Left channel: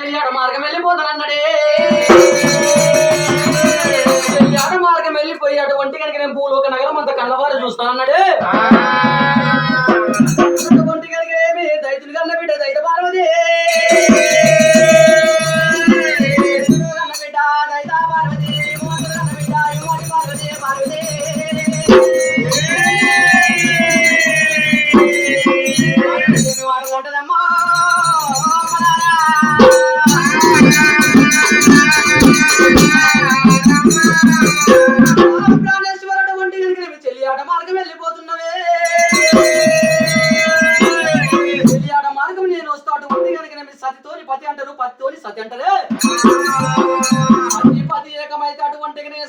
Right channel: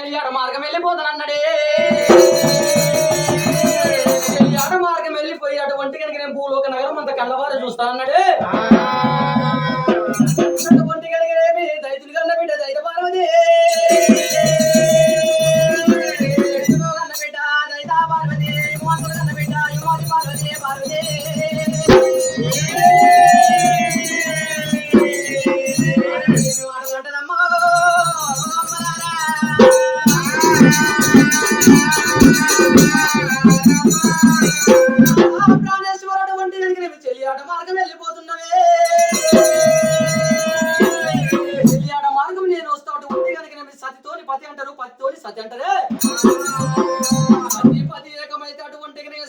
చెయ్యాడ మార్గం వెళ్ళిపోతానన్నాడే. చెయ్యాడ మార్గం వెళ్ళిపోయాడు. ఒంటి కనుక నేను భూలోక నగరం అంత కళ్ళవారు చూస్తానన్నాడే. ఒంటి కనుక ఏమి దైతులు కన్న బిడ్డ దైత పార్వతి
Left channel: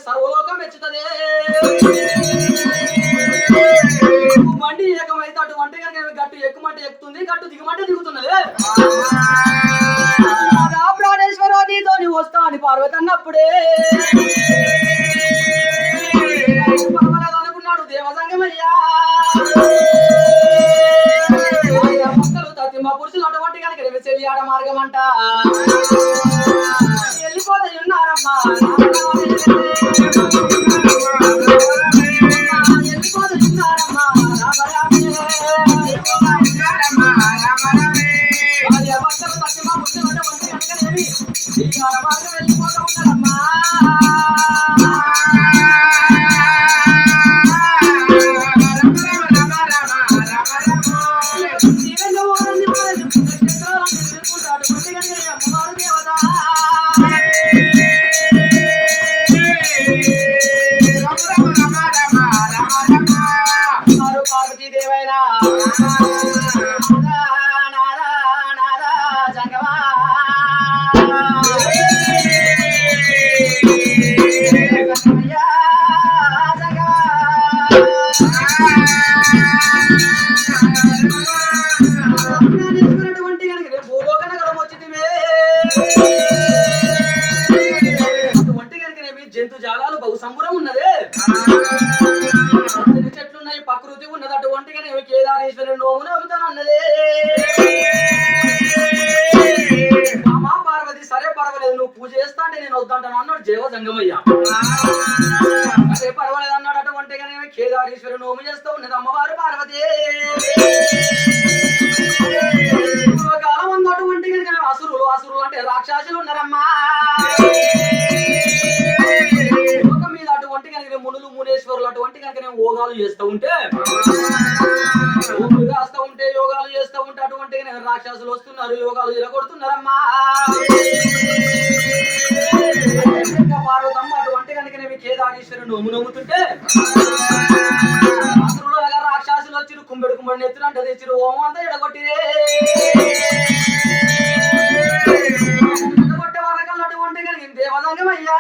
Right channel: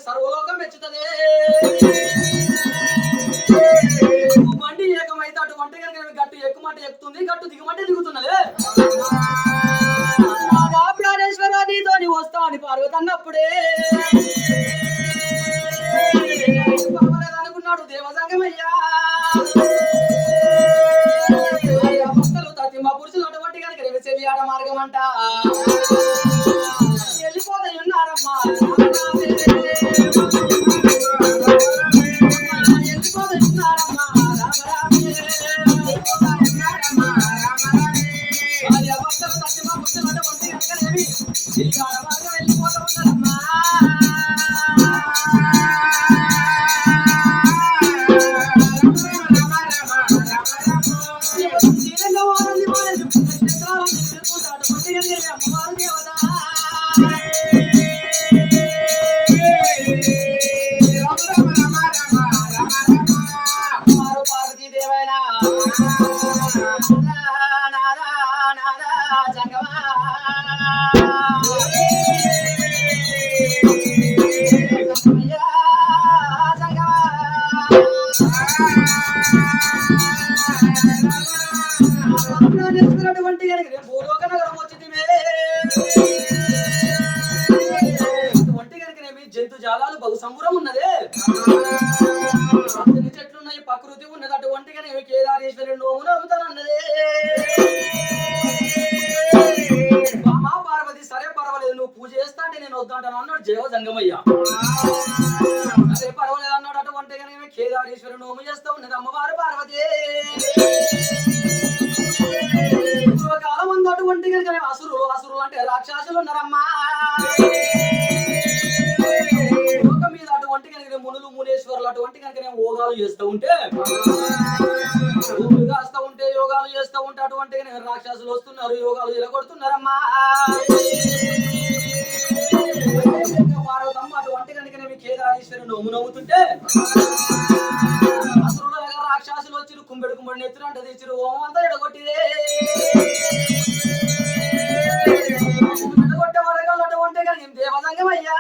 సర్వలోకం మెచ్చుతదే. బండి ఏకమైతే అటువంటి గట్టు ఎక్కుమంటే ఎక్కుతుంది, గట్టు దిగుమంటే దిగుతున్నదే. ప్రాణేశ్వర నీతో వస్తా అని పార్వతి అన్నప్పుడే అనుకున్నాడు దేవసంగమయ్యా. భక్తులు తత్తిమ పురుషులు అటువంటి కనుక రేపు చెల్లియాడ మార్గం అంట వెళ్ళిపోతే ఉన్నారమ్మా. భూలోక నగరం వచ్చింది. అటువంటి కనుకనేమి జంతు జాలాలు బహు సంబురం ఉన్నదే. చెట్లున్నాయి, ప్రకృతి ఉన్నది. అటువంటి కనుక కేదారేశ్వరుడు నోము నవ్వుతానన్నదే. మా పార్వతి సరే పర్వాలేదు, నువ్వు పూజ చేస్తా అంటే నేను వద్దంటాను అన్నాడు దేవ సంగమయ్య. సరే పర్వాలేదు అన్నాడు. అటువంటి కనుక కేదారేశ్వరుడు నోము చేస్తూ ఉన్నది అమ్మవారు పార్వతి. అటువంటి అసురులు అంటే రాక్షసులు ఉన్నారమ్మా. ఒక మీద అటువంటి కనుక మునులు మునేశ్వరులు అటువంటి కనుక యోగాలు చేస్తూ ఉంటే యోగాలు చేస్తూ ఉంటే అటువంటి రాక్షసులు వస్తున్నారు, యోగాలు జరగొడుతున్నారమ్మా. పార్వతమ్మ అటువంటి కనుక కేదారేశ్వరుడు నోము నవ్వుతుంటే అసురులు రాక్షసులు వచ్చి కుంబెడు కుంబెడు నెత్తులు అంటే తెచ్చిరు ఓం అంతా ఎడగొట్టిరే. దేవసంగమయ్యా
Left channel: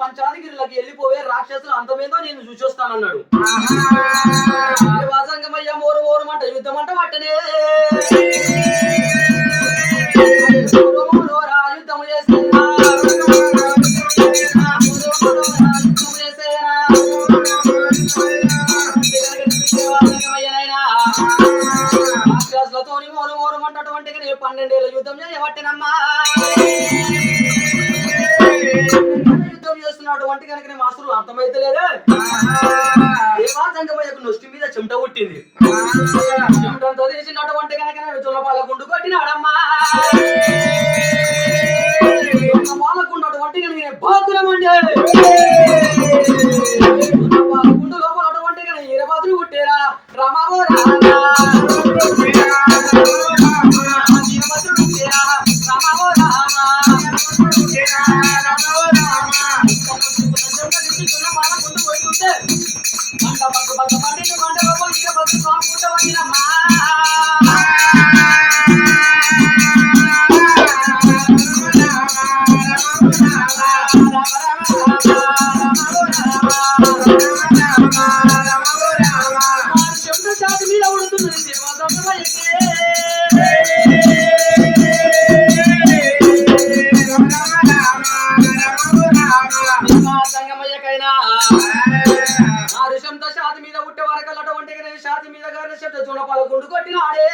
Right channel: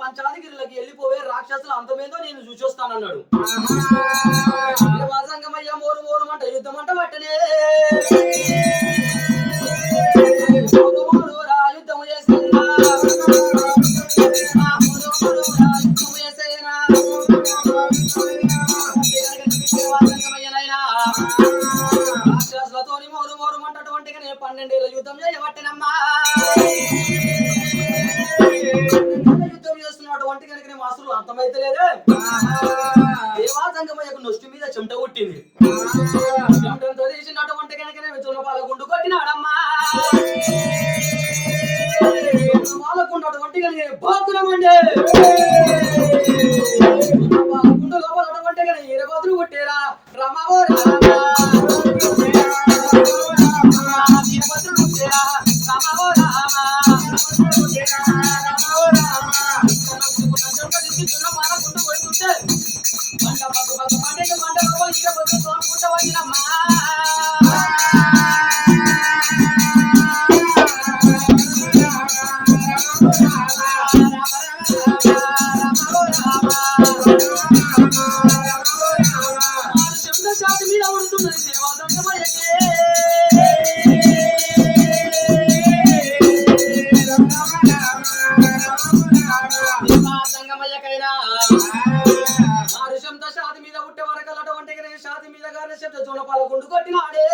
పంచాదిగిరికి వెళ్ళిపోయే రాక్షసులు అంతమేదో నేను చూసొస్తానన్నాడు. దేవసంగమయ్య మోరు ఓరమంట యుద్ధం అంట పట్టనే యుద్ధం చేసేనా రాక్షసులతో మోరు ఓరమంట అటువంటి 12 ఏళ్ళ యుద్ధం చేయబట్టనమ్మా. అటువంటి కనుక మాసులు అంతమైతే లేదే. దేవాసంగమయ్యకు నొష్టి మీద చెమట పుట్టింది. చెమటంతో తీసినటువంటి కనుక చుల్లపాల గుండు కొట్టినాడమ్మా. పాలకుండు అటువంటి కనుక బాగురమండి గుండు లోపల అటువంటి కనుక ఈరబాదులు కొట్టేరా రామావో రామా ఈరబాదులు కొట్టేరా రామావో రామా. కొట్ట జున్న పాలకుండు కొట్టినాడే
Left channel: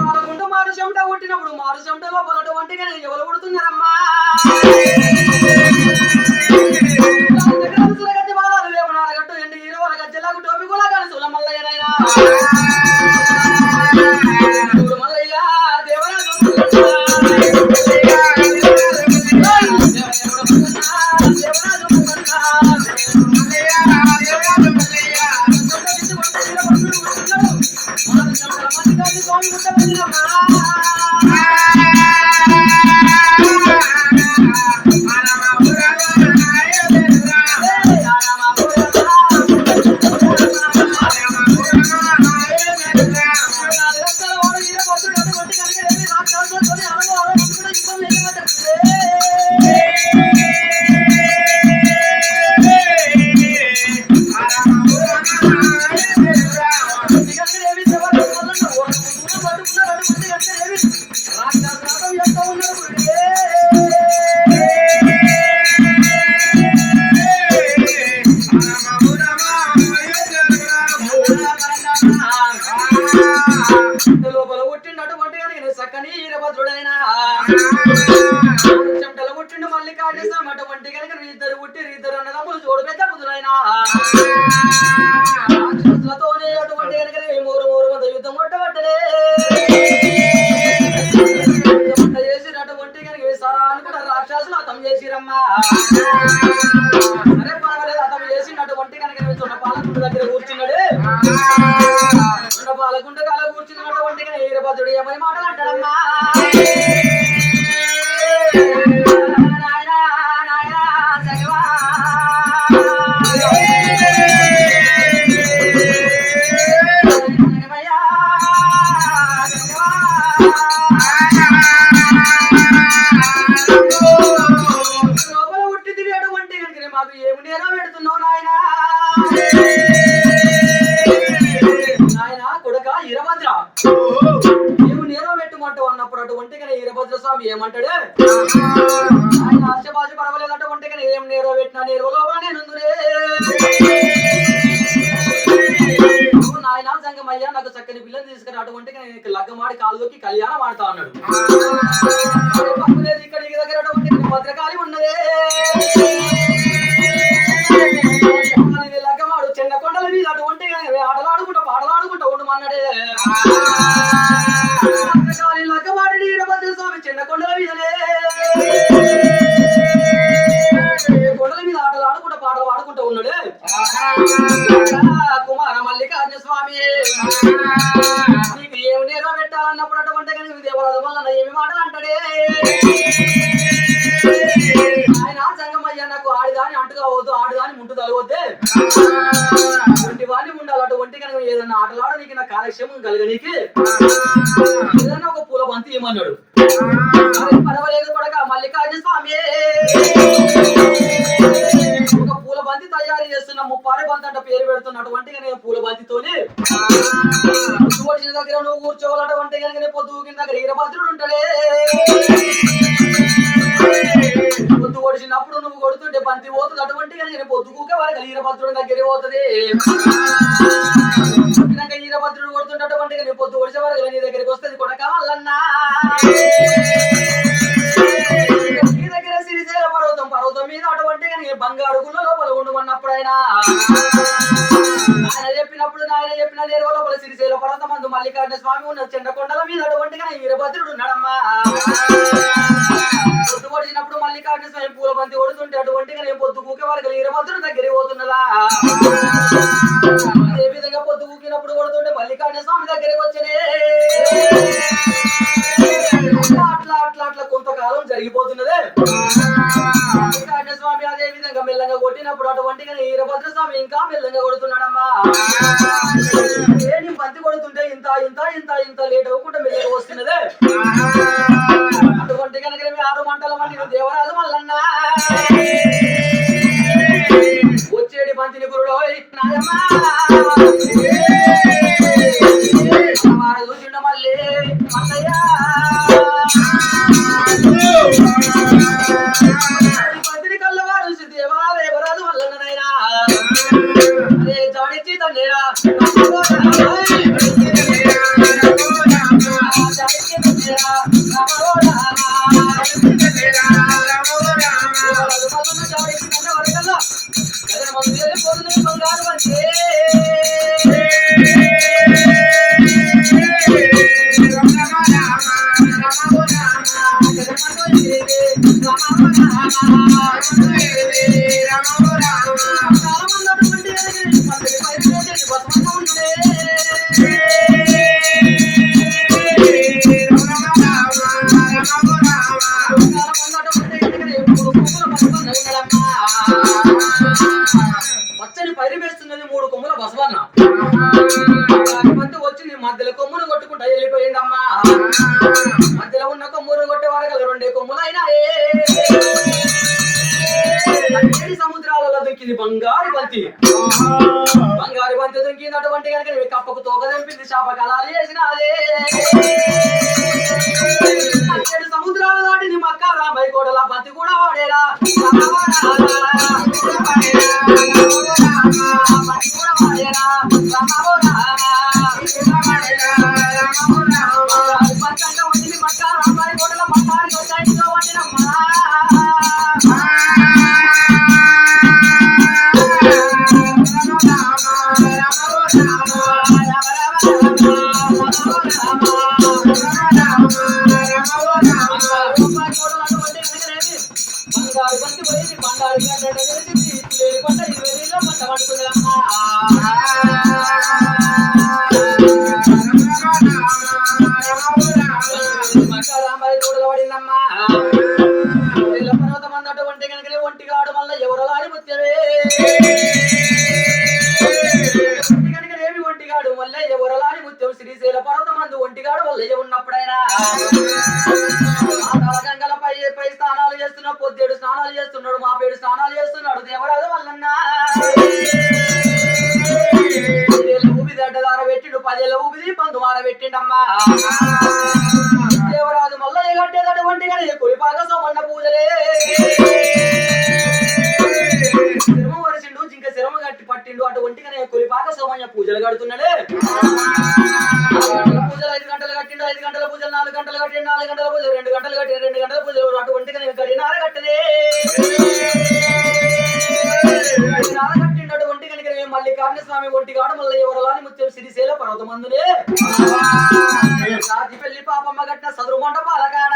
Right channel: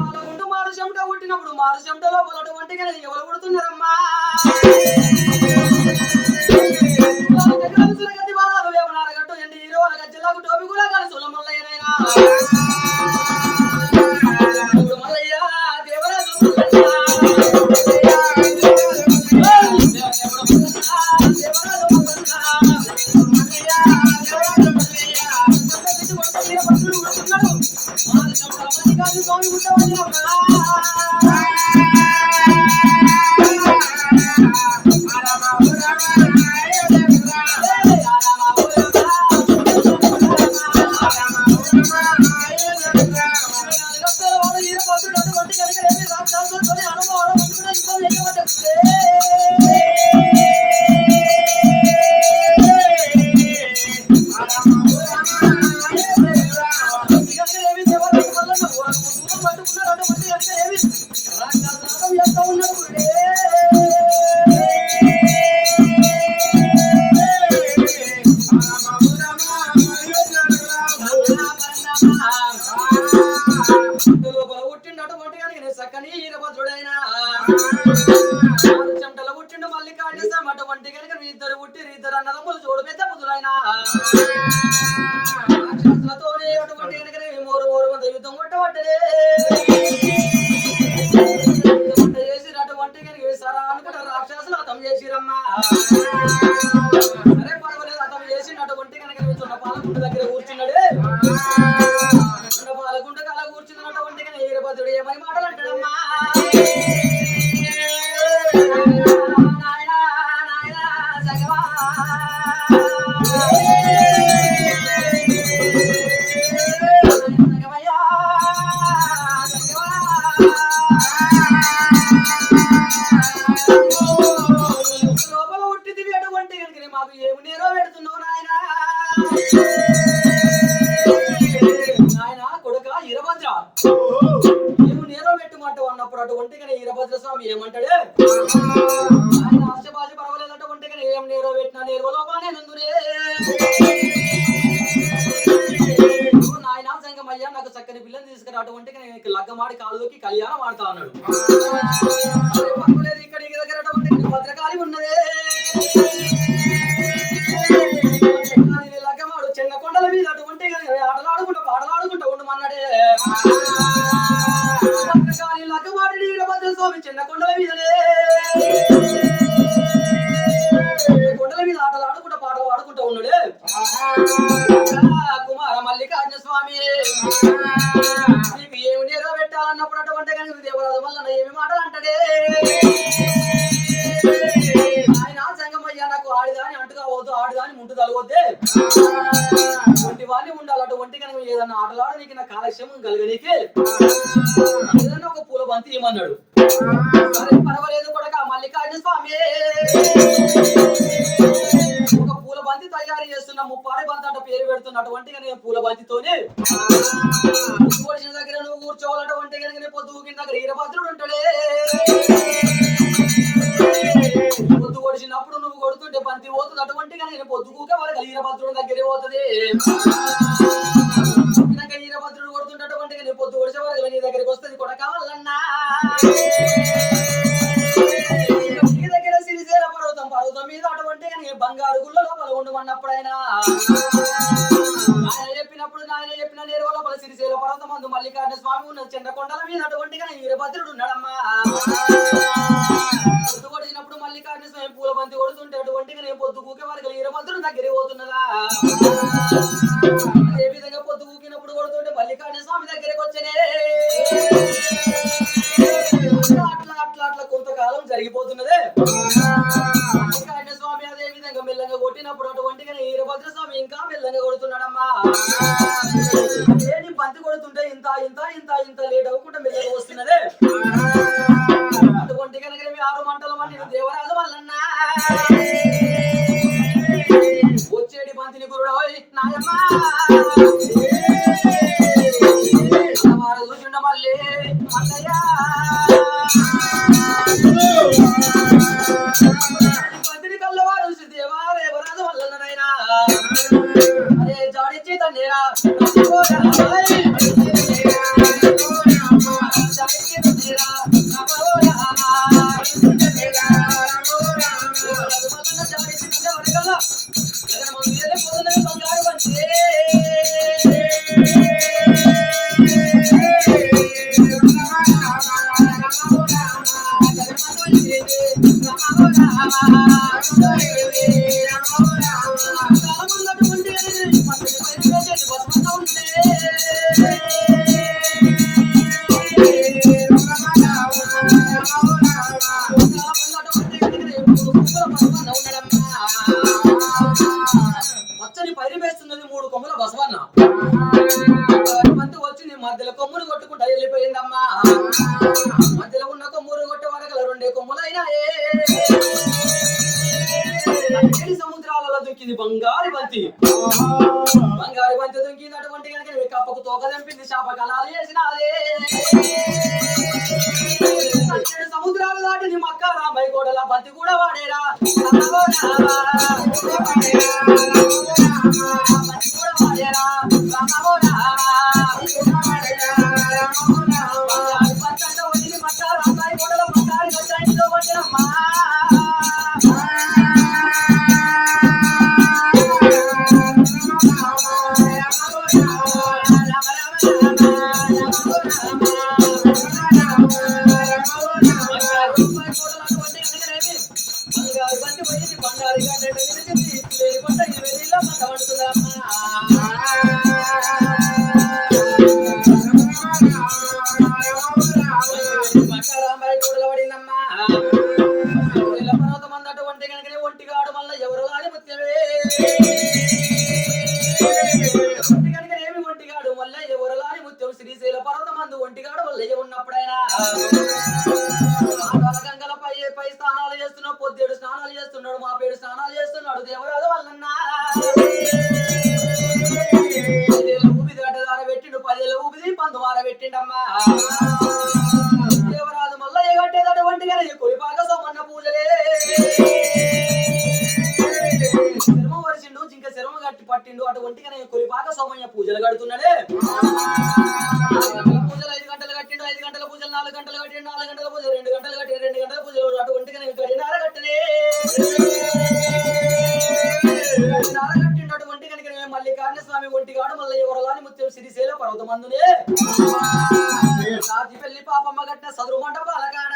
పాలకుండు మారు చెమట కొట్టినప్పుడు మారు చెమటలో పొలటువంటి ఎవరు కొడుతున్నారమ్మా వేపనారగట్టు ఎండి హీరోల గజ్జలకు టోపి కూడా కానీ సుల మల్లయ్యనైనా మల్లయ్య దేవరాజు చక్కని ఈరభద్రుడైనా చెమటలు పుట్టిండు మళ్ళీ కాటేస్తాం అటువంటి కనుక ఇద్దరు పుట్టిరు ఇద్దరు అన్నదమ్ములు చూడు పెద్ద బుద్ధులైనా రాక్షసులతోనే అటువంటి కనుక మూరు మూరు మంది యుద్ధం కొట్టబట్టలే చేసినటువంటి కనుక సరా అనుకుంటా రాక్షసులు అతం చేసిరమ్మా సరే పర్వాలేదు అతం చేసినటువంటి కనుక చున్న పాలకుండ దగ్గర కూర్చున్నాడు చున్న పాలకుండ కాల కూర్చున్నటువంటి ఈరభద్రుడు ఏమని మాటలు అంటాడమ్మా ఈరభద్ర స్వామి ఏమంటాడు ఆయన ఆశబాజు పర్వాలేదంటే ఒంటి కానీ ఏం నేరో పెట్టినా నేరు లోపల నేనుందునే నాయన సంగమయ్యా నాకు చక్కని పిల్లలు తీసుకుని అటువంటి నేను లగ్గమాడి కాలులోకి కళ్యాణం ఆడుతా అన్నాడు పర్వాలేదు ఇక్కడ ఈ దగ్గర అటువంటి భద్రకాళి ఉన్నదే లగ్గమాడు చిన్న కొండల మీద అటువంటి ఆటలాడుకుంటా పాటలాడుకుంటా ఉండమన్నాడే లగ్గమాడి ఈరభద్ర స్వామి చిన్న కొండల మీదనే కొండల మీద ఆటలు ఆడుకుంటా పాటలు ఆడుకుంటా ఉన్నాడు కుమార మల్లికార్జున స్వామి నీకు ఏమి నేరో పెట్టాలన్నప్పుడు అటువంటి కానీ దేవరాజు వల్ల ఏమి మాటలు అంటాడే ఆయన సంగమయ్య నాకు ఆడిదాని అంటుగా వద్దు ఆడిదాని ముంటు తలవద్దే అటువంటి వాణ్ణి ఉండాలి అటువంటి కనుక ఏదన్నా ఆటలాడ నీకు నా కాలక్షేమం కలగనీకి ఏదన్నా ఒక పూల బంతి ఏమన్నాడు పర్వాలేదు కొడక మల్లికార్జున స్వామి ఒక పూల బంతి తయారు చేస్తున్న ముప్పారి బంతి అంట పేరు పెడుతున్నటువంటి నేను పూల బంతితోనే పొద్దు దగ్గర నువ్వు కూర్చోవాలటువంటి కనుక పొద్దు దగ్గర ఈరభద్రుడు ఉంటాడే పొద్దు ఓడిచినప్పుడు నువ్వు కొడుతుంటే బంతి పోతుంది అటువంటి కనుక పొద్దుకూకే వారికి ఈరభద్రుడి దగ్గర పోతుంది ఈరభద్రుడు కొడుతుంటటువంటి నేను పొద్దు ఒడిచే వారికి నీ దగ్గరికి వస్తుంది కొడక వల్లన్నా నీ దగ్గర సిరిసేల పర్వతం పర్వతం మీద అటువంటి కానీ బంగారు గుళ్ళ లోపల ఉండమన్నప్పుడైనా ఆయన చెప్పినప్పుడు ఆయన చెప్పిన నేరు లోపల సిరిసేల పర్వతం అందు మల్లికార్జున స్వామి ఉన్న చంద్రకొండల మీద అటువంటి కానీ ఈరభద్రుడు ఉన్నాడమ్మా పొద్దు పొడిచినప్పుడు మల్లికార్జున స్వామి పూల బంతి కొడుతుంటే అటువంటి కానీ పొద్దు కూకే వారికి ఈరభద్రుడు దగ్గరికి పోతున్నదా అదే విధంగా పొద్దు కూకినప్పుడు కొడుతుంటే మల్లికార్జున స్వామి దగ్గరికి వచ్చనే అట్లా అట్లా అట్లా కొంతకాలం జరిగిపోతున్నదే మల్లికార్జున స్వామి అదే విధంగా మెల్లగా కొట్టినప్పుడు అటువంటి ఈరభద్ర స్వామి ఇంకా మెల్లగా కొడుతున్నాడమ్మా నేను బంతి కొడుతుంటే ఇంత ఇంత ఇంత ఇంత లేట్ అవ్వకుండా మెల్లగా వస్తున్నదే అటువంటి కనుక 6 మంటల మంది దేవరాజు మల్లన్నా వచ్చేడి బంతిని గురుడో నాయమ్మా చూసిండ మళ్ళీ బంతిని కళ్ళవారు దేవరాజు మల్లన్ననైనా అదే జాడిచ్చి దొరికింది బంగారు బంతి. బంగారు బంతి దొరికిందటువంటి కనుక కప్పకు తోక తెంపింది, శాప కళాలు చేసినాదే. సముద్రాలు దాటింది మక్క రామయ్య కోటల బంతి కూడా వాడేరా. శ్రీశైల పర్వతమందు ఒంటిగాడు వల్లయ్య ఉన్నప్పుడైనా పై స్నానాలు చేస్తున్నాడు, పొద్దేడు స్నానాలు చేస్తున్నాడు, మాపేడు స్నానాలు చేస్తున్నాడు. దేవరాజు వల్లన్నా ఊబి దడ్డదార పెట్టిండు, 10 ఏళ్ళ ఊబిది 11 మార పెట్టిండమ్మా. దేవరాజు మల్లయ్య కట్టేటటువంటి కానీ కొలిపాక సోమన్న పూజలే శిరమ వరిసిండు, జింక శిరమ కట్టి పట్టిండు. అటువంటిగానే కొలిపాక సోమయ్య పూజలు కడుతున్నాడే. పూజలు 5 గంటలు కట్టిండు, 5 గంటల పూజలు 4 గంటలు కట్టిండు, 4 గంటల పూజలు 2 గంటలు కట్టిండు, 2 గంటల పూజలు. అటువంటిగా గడినార కట్టలే గడినార కట్టిండు. అటువంటి కనుక మల్లికార్జున స్వామి ఒంటిగాడు మల్లయ్య వరలాని ముత్యం శ్రీశైల పర్వతమందునే రాతి పెళ్లి పాపమ్మ కట్టిన సదురు మండపాల కాడ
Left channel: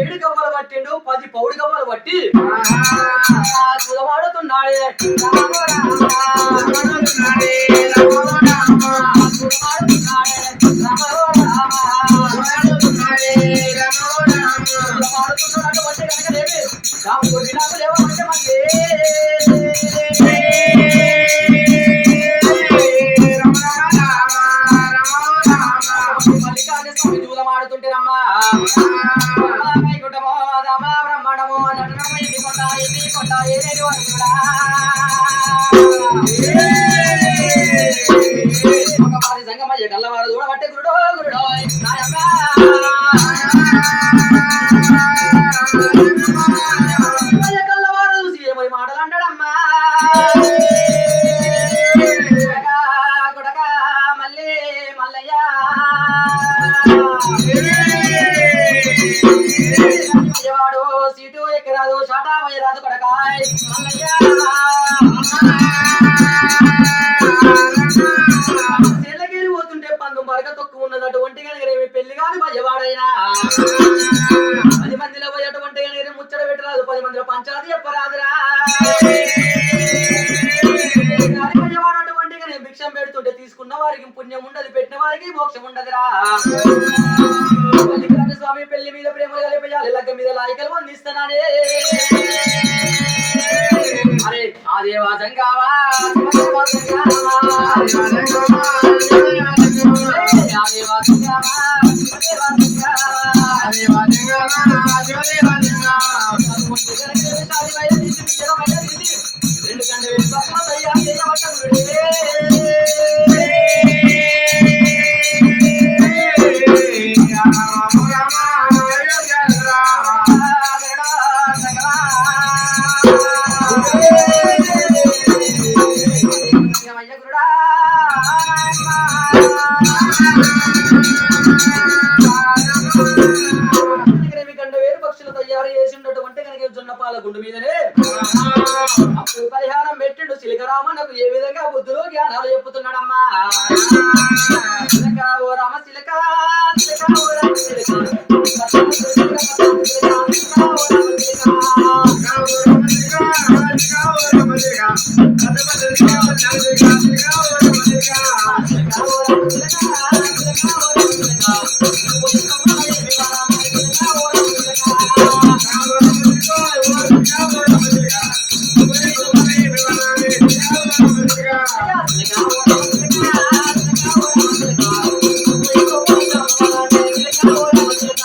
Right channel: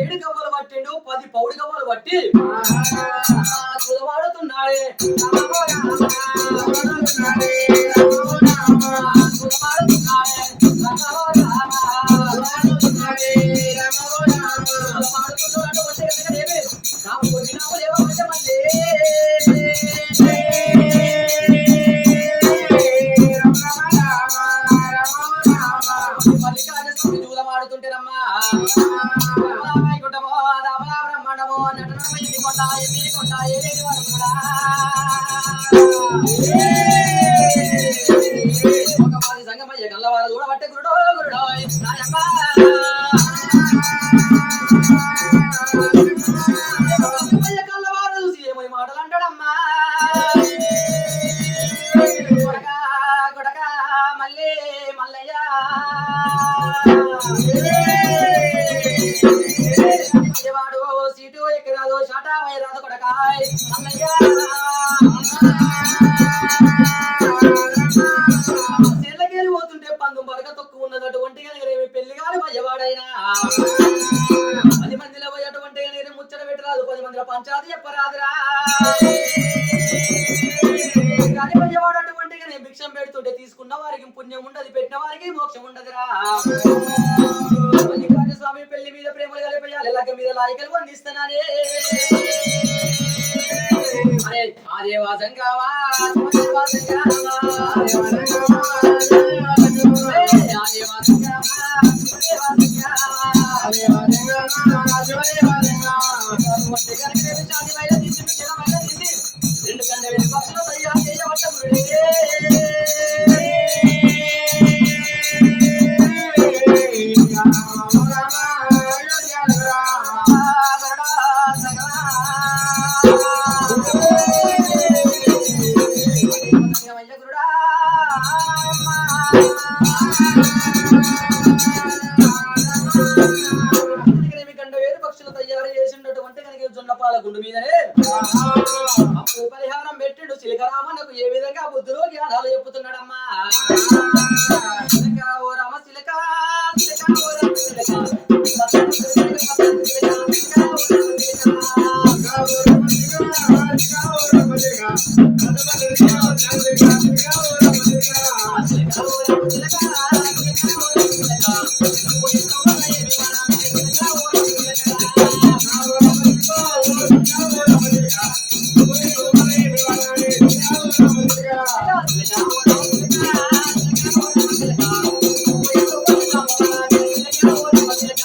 7 గవ్వలు పట్టిండు, 10 పౌడి గవ్వలు పట్టి కులవాడుతున్నాడే. ఆడుతుంటేనమ్మా కుటమో దామా బ్రహ్మణమో నటనమో ఎన్ని కొండ ఎన్ని కొండ ఏదేది వరకుడా ఒక పాది సంగమయ్య కల్లవారు చూడబట్టే గురుడో గురుడో నాయమ్మ కల్లవారు చూసి ఏమై మాటలు అంటాడమ్మా. కొడక మళ్ళీ మల్లయ్య వాడు సీటు ఎక్కరాదు, షాటా వైరాదు కొడకాయ్ మల్లయ్య చెల్లకేలి పోతుంటే పందు మరక తొక్కు ఉన్నది. అటువంటి కనుక పెళ్లి కాదు మయ్యవాడైనా 10 మందిలో పోయి అటువంటి కనుక ముచ్చట పెట్టరాదు, 10 మందిలో పంచాది చెప్పరాదురా. మయ్యవాడు అటువంటి కనుక భిక్షం పెడుతుంటే తీసుకున్న వారికి పుణ్యం ఉండదు, పెట్టిన వారికి మోక్షం ఉండదురా. మల్లికార్జున స్వామి పెళ్లి మీద ప్రేమలు కలిపేయాలి, లగ్గ మీద లాయికలు వందిస్తున్నానే. అరే ఆ దేవాసం కావా దేవాసం కావా గుండు మీదనే అప్పుడు పరిహారం పెట్టిండు. చిలకరామన్నకు ఏ విధంగా బుద్ధులు జ్ఞానాలు చెప్పుతున్నాడమ్మా. చిలక ఓ రామ చిలక చిలక ఓ రామ చిలక చిలక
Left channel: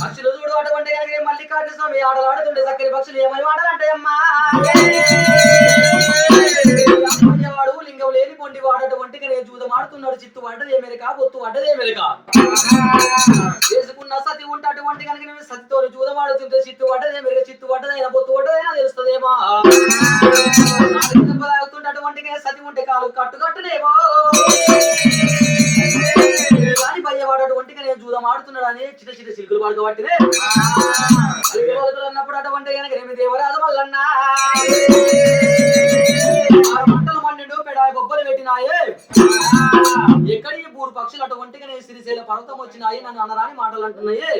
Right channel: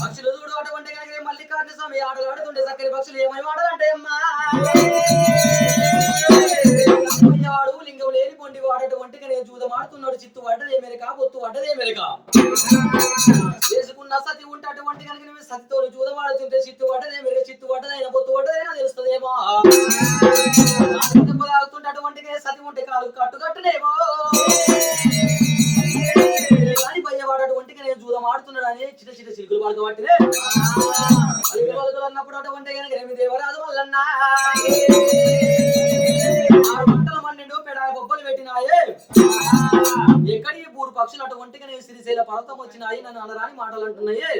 పక్షులు చూడు అటువంటి మల్లికార్జున స్వామి ఆటలాడుతుండే చక్కని పక్షులు ఏమై ఆడాలంటాయమ్మా వాడు లింగం లేని పొండి వాడటువంటి నేను జూదం ఆడుతున్నాడు చిత్తు పడ్డదే మెరక బొత్తు పడ్డదే మెరక చేసుకున్న సతి ఉంటే అటువంటి కనుక నేను సతితో జూదం ఆడుతుంటే చిత్తు పడ్డదే మెరక చిత్తు పడ్డదైనా బొత్తు పడ్డదైనా తెలుస్తుందేమో తాగుతుంటే అటువంటి సతి ఉంటే కాలు కట్టుకట్టులేమో కానీ భయ్యవాడు అటువంటి నేను జూదం ఆడుతున్నాడు అని చిన్న చిన్న చిలుకలు పడకబట్టినే అన్నప్పుడు అటువంటి కనుక నేను దేవరాజు వల్లన్నా బొబ్బలు పెట్టినాయే ఎక్కడి మూడు పక్షులు అటువంటిగా నేను శ్రీశైల పర్వతం వచ్చినాయి నన్ను అనరాని మాటలు అంటున్నాయి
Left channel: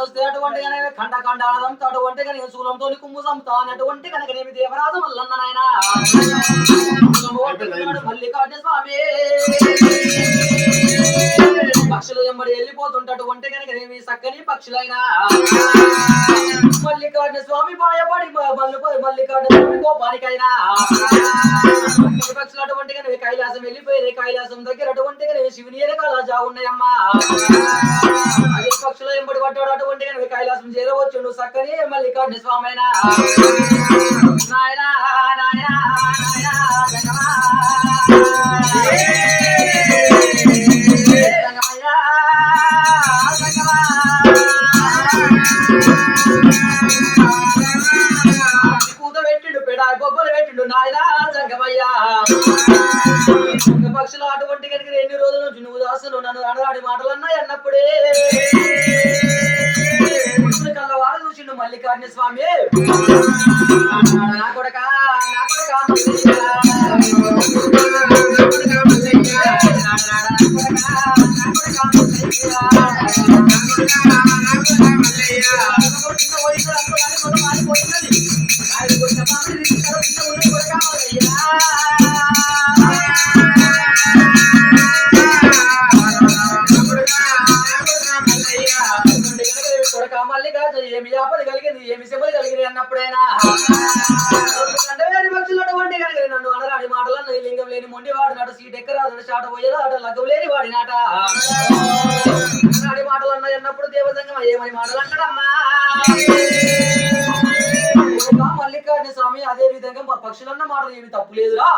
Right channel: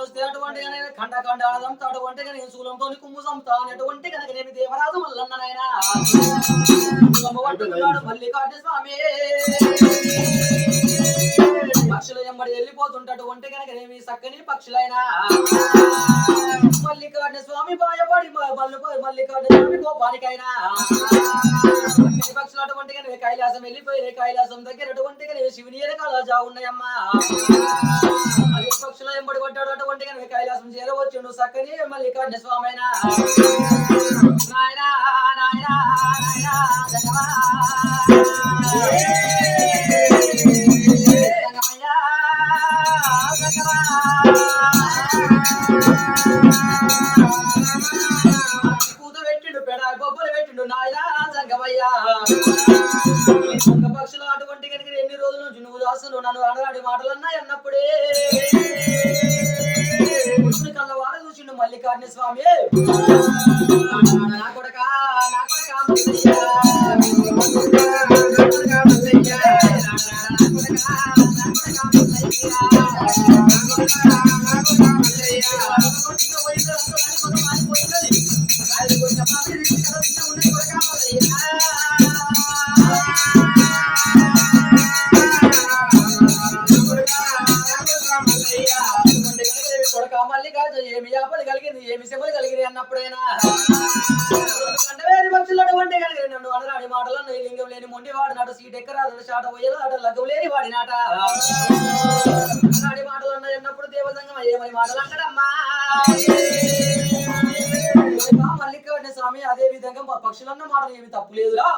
వస్తే అటువంటి ఖండ ఖండ అదంతా అటువంటిగా నేను శూలంతో కుమ్ము సంతా అటువంటి కనుక నేమి దేవరాజు మల్లన్న నాయన మల్లికార్జున స్వామి పక్షులు ఎంబడి వెళ్ళిపోతుంటటువంటి కనుక నేమి చక్కని పక్షులైనా మల్లికార్జున స్వామి భయపడి మల్లికార్జున స్వామి కోపానికైనా పక్షులు అటువంటిగా కైలాసం వెళ్ళిపోయినాయి కైలాసం దగ్గర అటువంటిగా శివుని వెనకాల జా ఉన్నాయమ్మా అదే పక్షులు ఎంబడి పడ్డాడు అటువంటిగా కైలాసం చేరవచ్చుండు చక్కని మల్లికార్జున స్వామి అయినా నాయనా నాయనా బొబ్బలు పెట్టిండు నాయన జంగమయ్యా పక్షులు అటువంటి కనుక ఎన్ని రోజుల నుంచి నువ్వు దాసును నన్ను అనరాడి మాటలు అన్నాయి అన్నప్పుడే కళ్ళవారు చూసిండు మల్లికార్జున స్వామి నా కొడక నా కొడక ఏమి ఆపద కలిగింది ఏమి శ్రమలు కలిగింది అన్నప్పుడైనా పక్షులు అటువంటి కనుక నన్ను అనరాడి మాటలు అన్నది లింగం లేని మొండి వాడినాడు సీట్ ఎక్కరాడు షాట పోయేదాట లగ్గం లేని వాడినాట అనరాడి మాటలు అన్నాయి అన్నప్పుడు దేవసంగం ఏమని మాటలు అన్నాడమ్మా మల్లికార్జున స్వామి అదే విధంగా పక్షులన్న మాటలు ఏమి తప్పు లేదురా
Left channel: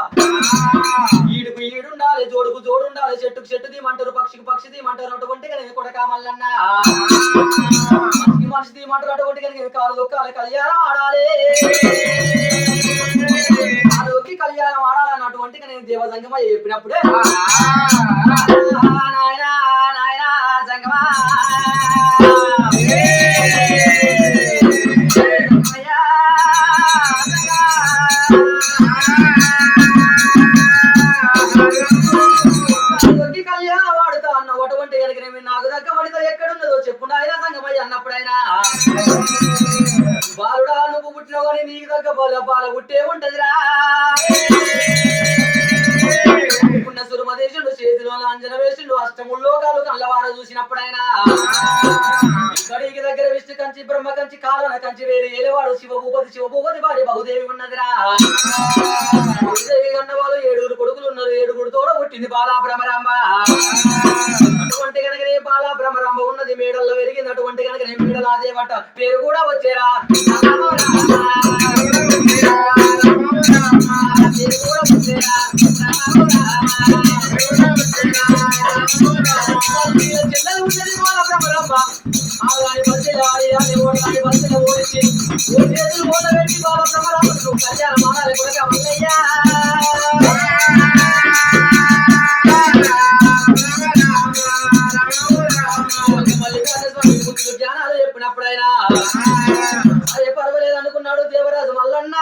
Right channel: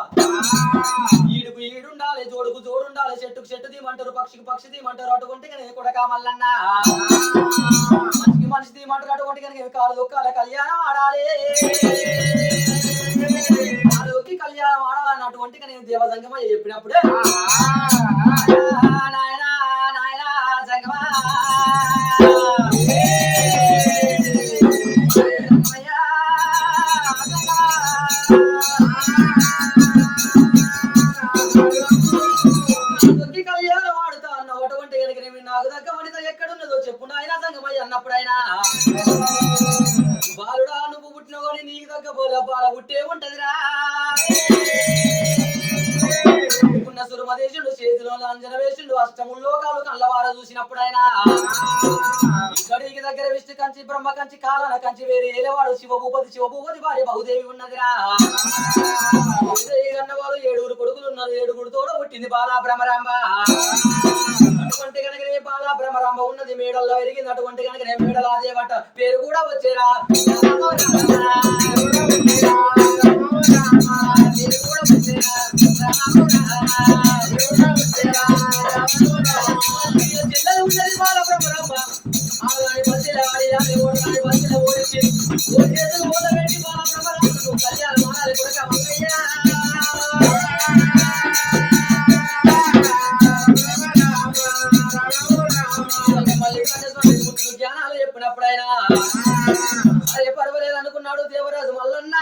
ఈడుకు ఈడుండాలి జోడుకు జోడుండాలి చెట్టుకు చెట్టు తీయమంటారు పక్షికి పక్షి తీయమంటారు అటువంటి నేను కొడక మల్లన్న మనిషి తీయమంటారు అటువంటి కాలు కాల కళ్యాణం ఆడాలి కాలుకి కళ్యాణం ఆడాలని అటువంటి నేను దేవసంగమ చెప్పినప్పుడే నాయన నాయన సంగమా నాకు దగ్గ పడితే ఎక్కడున్నదో చెప్పు నాయన సంగమయ్య అన్నప్పుడైనా బాలుడా నువ్వు పుట్టినవు కానీ నీకు దగ్గ బాల పుట్టే ఉంటదిరా ఉన్న సురుమదేశుడు చేతిలో అంజన వేసిండు అష్టముల్లో కాలు కళ్ళవార చూసినప్పుడైనా ఇక్కడికి దగ్గర విష్ణు కంచి బ్రహ్మ కంచి కాలన కంచి వేరే ఏలేవాడు శివభూపతి భార్య బహుదేవి ఉన్నదిరా వాళ్ళు 7 కొడుకులు ఉన్నారు 7 తోడ పుట్టింది బాలా భ్రమరాంబ అటువంటి కనుకనే బాలా భ్రమరాంబ ఉన్నది మేడల్లో ఎరిగింది అటువంటి కనుకనే మేడలా దేవట పేరు కూడా వచ్చేరా పేరు కూడా వచ్చేరా చిల్లలు ఉన్నది బాలా భ్రమరాంబ ఆడదాని బస్సులు ఆడి ఓడదాని బస్సులు ఓడించి చేతులు మూల పెట్టి బాలా భ్రమరాంబ కళ్యాణ మానాలి కొడక వల్లయ్యా జ్ఞానాలు చెప్పినప్పుడైనా అదే పర్వాలేదు అనుకున్నాడు దేవరాజు మల్లన్న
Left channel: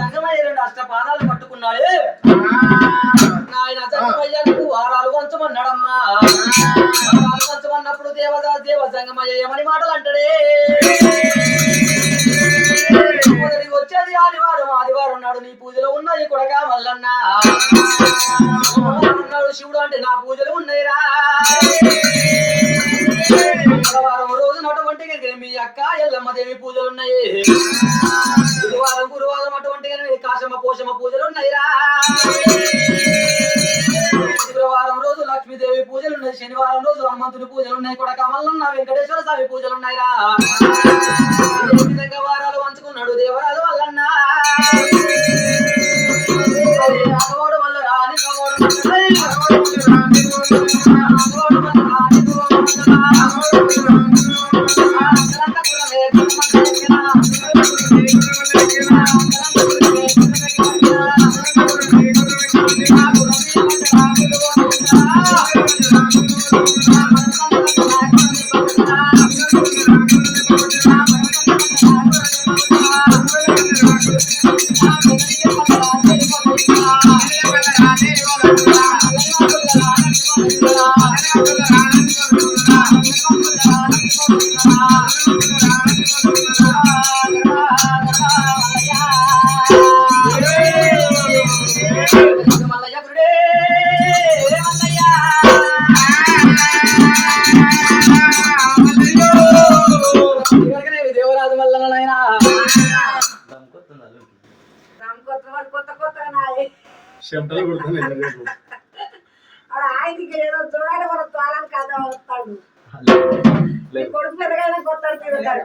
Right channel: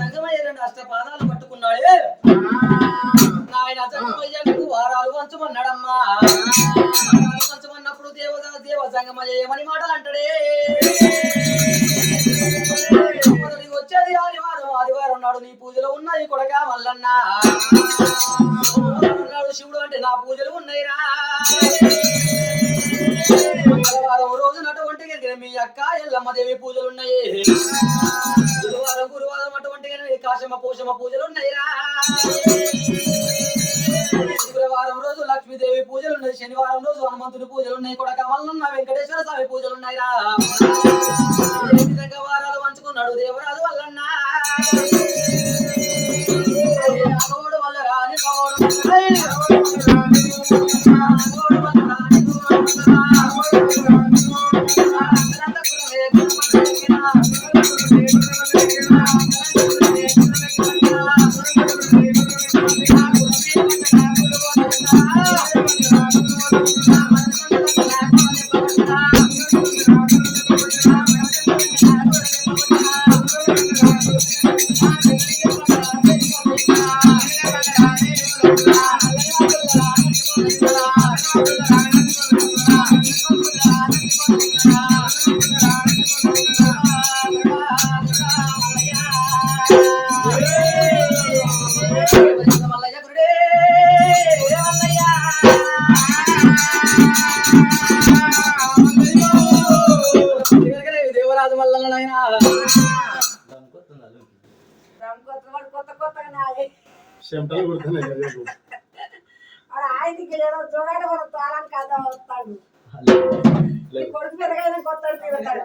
సంగమయ్య 2 అష్టపాదాలు పట్టుకున్నాడు ఆయన సంగమయ్యకు వారాలు వంచమన్నాడమ్మా వారాలు వంచమన్నప్పుడు దేవ సంగమయ్య ఏమని మాటలు అంటాడే మొదటికి వచ్చేది ఆదివారం నాడు నీ పూజలో ఉన్నాయి కొడక మల్లన్న అన్నాడు శివుడు అంటే నా పూజలు ఉన్నాయిరా మంగళవారం రోజు అటువంటి మీ అక్క ఎల్లమ్మ దేవి పూజలు ఉన్నాయి గురువారం అటువంటి కాశమ్మ పోషమ్మ పూజలు ఉన్నాయిరా శుక్రవారం రోజు లక్ష్మీదేవి పూజలు ఉన్నాయి శనివారం రోజు హనుమంతుని పూజలు ఉన్నాయి కొడక మల్లన్న వెంకటేశ్వర స్వామి పూజలు ఉన్నాయిరా ఈ విధంగా వారాలు పంచుకున్నాడు దేవరాజు వల్లన్న రాఘవుడు వల్ల రాని రాఘవుడు ఆయనకి ఏదో చూడాలి మన తాళానికి కథ వస్తాడు కొడుకు పెద్దగా కొత్తాడు తిరుగుతాడు